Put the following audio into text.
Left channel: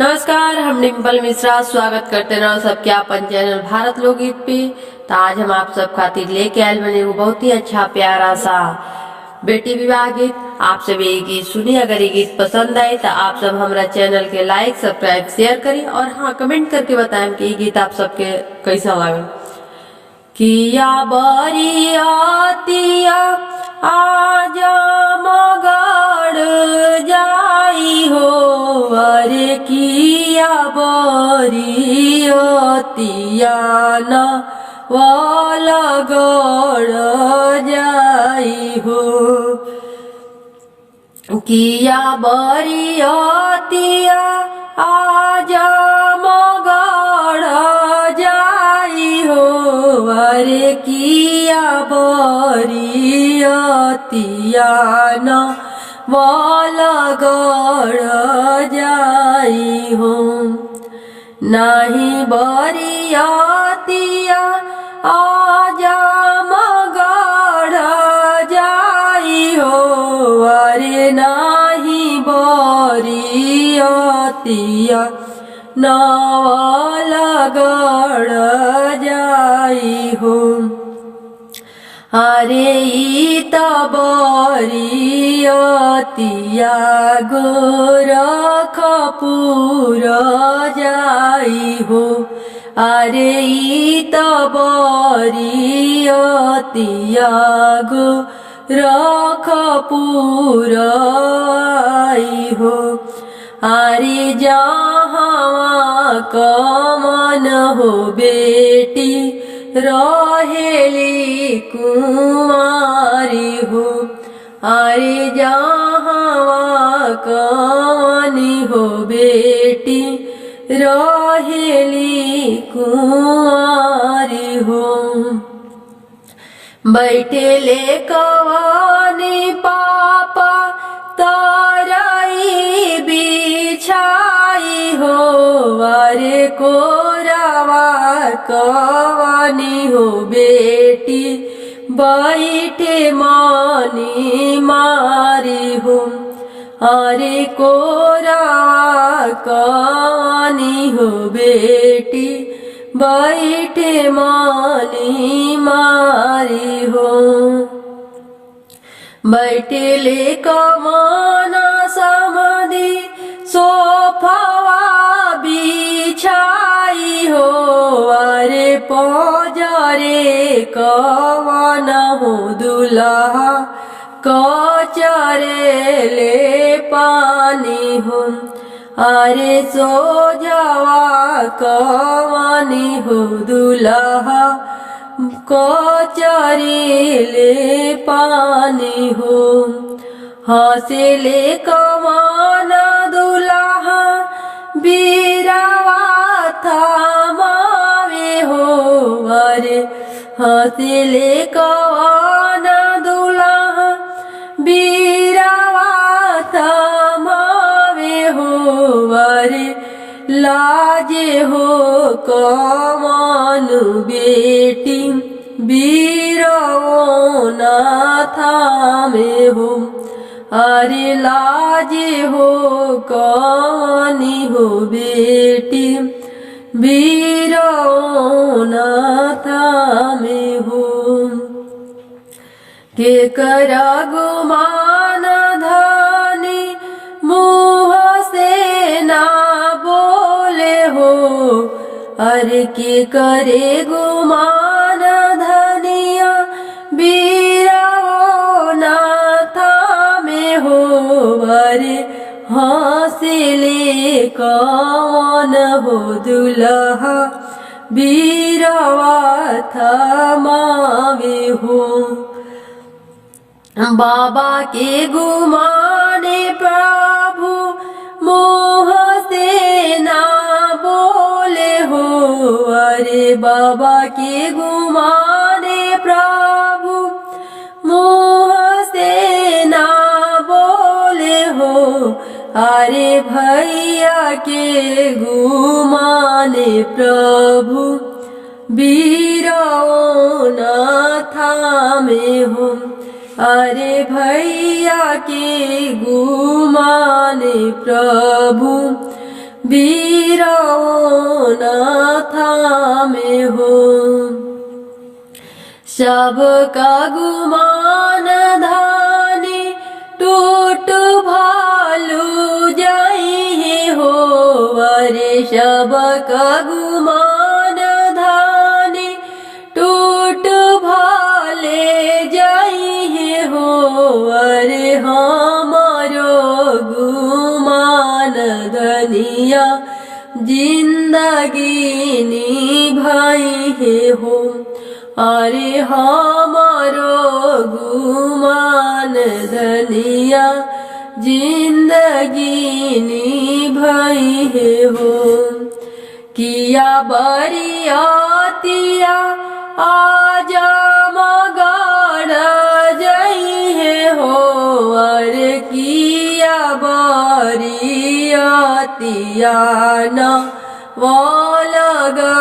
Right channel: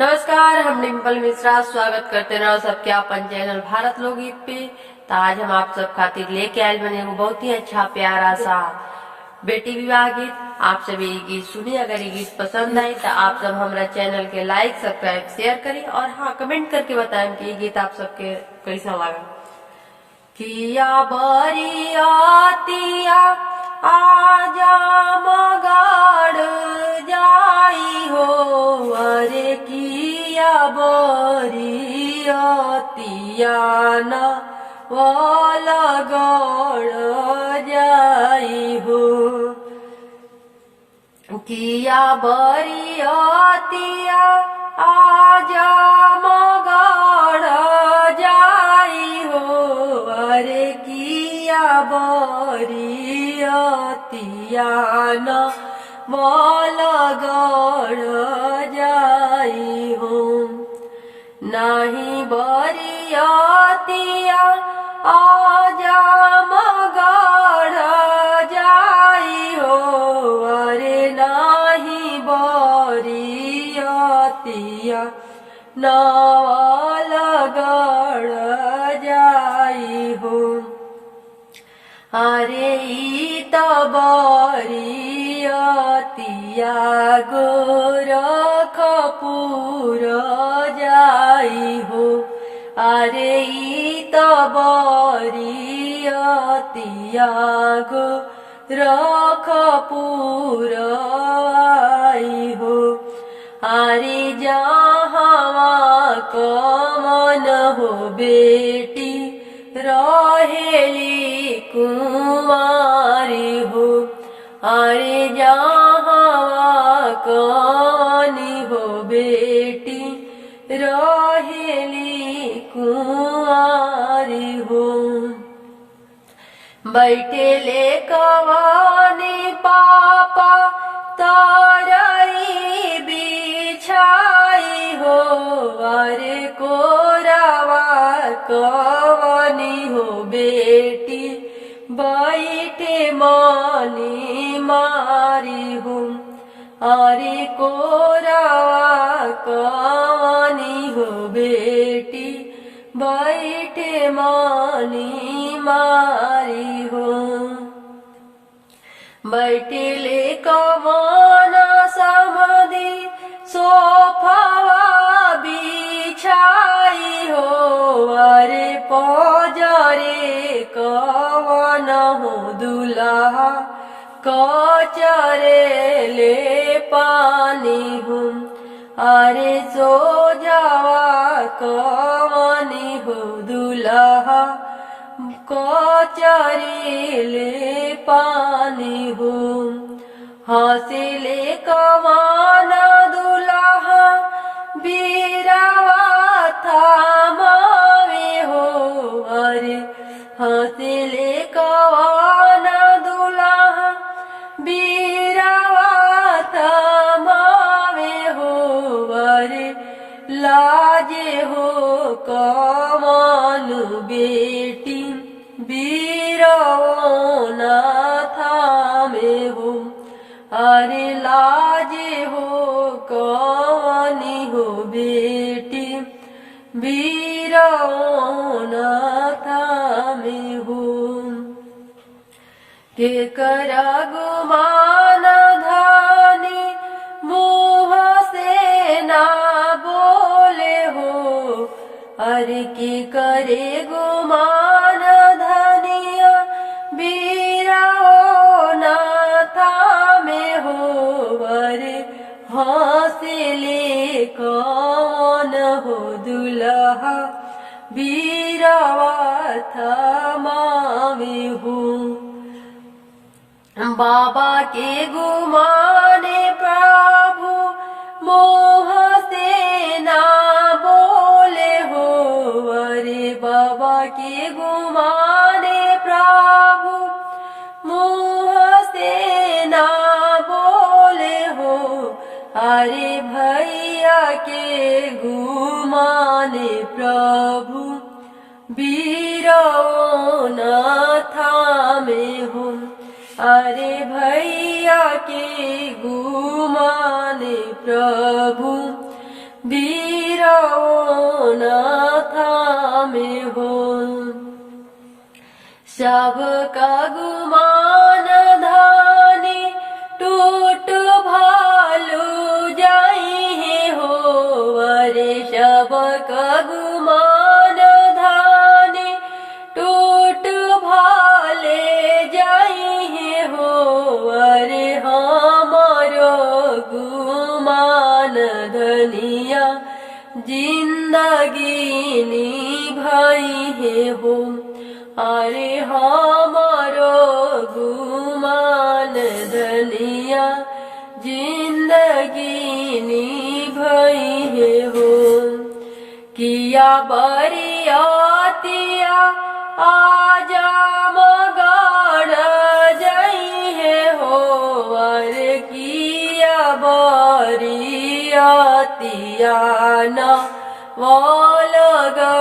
नमस्कार, हम डिम्पल मिश्रा स्वागत करते हैं सबके अपन चैनल भारत लोकगीत पे। तो आज हम आप सब खातिर लेके आए बने एगो बहुत ही अच्छा प्यारा सा बेटी विवाह गीत। आप सब ये गीत सुनिए। अगर ये गीत पसंद आए तो आप सब हमारा चैनल के लाइक सब्सक्राइब शेयर करें और हाँ कमेंट करके बताएं कि ये गीत आप सबके कैसा लगा। किया बरियातिया आजा मगड़ जाई हो, अरे किया बरियातिया ना लगड़ जाई हो। किया बरियातिया आजा मगड़ जाई हो, अरे किया बरियातिया ना लगड़ जाई हो। नाही बरियातिया आजा मगड़ जाई हो, अरे नाही बरियातिया लगड़ जाई हो। अरे ई बरियातिया गोरखपुर जाई हो, अरे ई बरियातिया गोरखपुर आई हो। अरे जहाँ कमन हो बेटी रहेली कुमारी हो, अरे जहाँ कमनी हो बेटी रहेली कुमारी हो। बैठेले कवानी पापा ताराई बिछाई हो, अरे कोरावा कवानी हो बेटी बैठे मानी मारी हो, अरे कोरावा कवानी हो बेटी बैठे मानी मारी हो। बैठेले कमाना समाधि सोफावा बिछाई हो, अरे पजरे कवन हो दुल्हा कचरे ले पानी हो, अरे सो जावा कवानी हो दुल्हा कचरेले पानी हो। हंसेले कवाना दुल्हा बीरावा थमावे हो, अरे हंसेले कवाना दुल्हा बीरावा थमावे हो, अरे लाजे हो कमान बेटी बीरवना थामे हो, अरे लाजे हो कवानी हो बेटी बीरवना थामे हो। के करा गुमान धानी मुँह से ना बोले हो, अरे के करे गुमान धनिया बीरवना थामे हो, अरे हंसले कौन हो दुल्हा बीरवा थमावे हो। बाबा के गुमाने प्रभु मोह से ना बोले हो, अरे बाबा के गुमाने प्रभु मोह से ना बोले हो, अरे भैया के गुमाने प्रभु बीरवना थामे हो, अरे भैया के गुमाने प्रभु बीरो न थामे हो। सबका गुमान धानी टूट भालू जाई हो। अरे सबका गुमान धानी टूट भाले जाई हो। अरे हमारो गुमान धनिया जिंदगी निभाई हो। अरे हमारो गुमान धनिया जिंदगी निभाई हो। किया बरियातिया आजा मगड़ जाई हो। अरे किया बरियातिया न वो लगा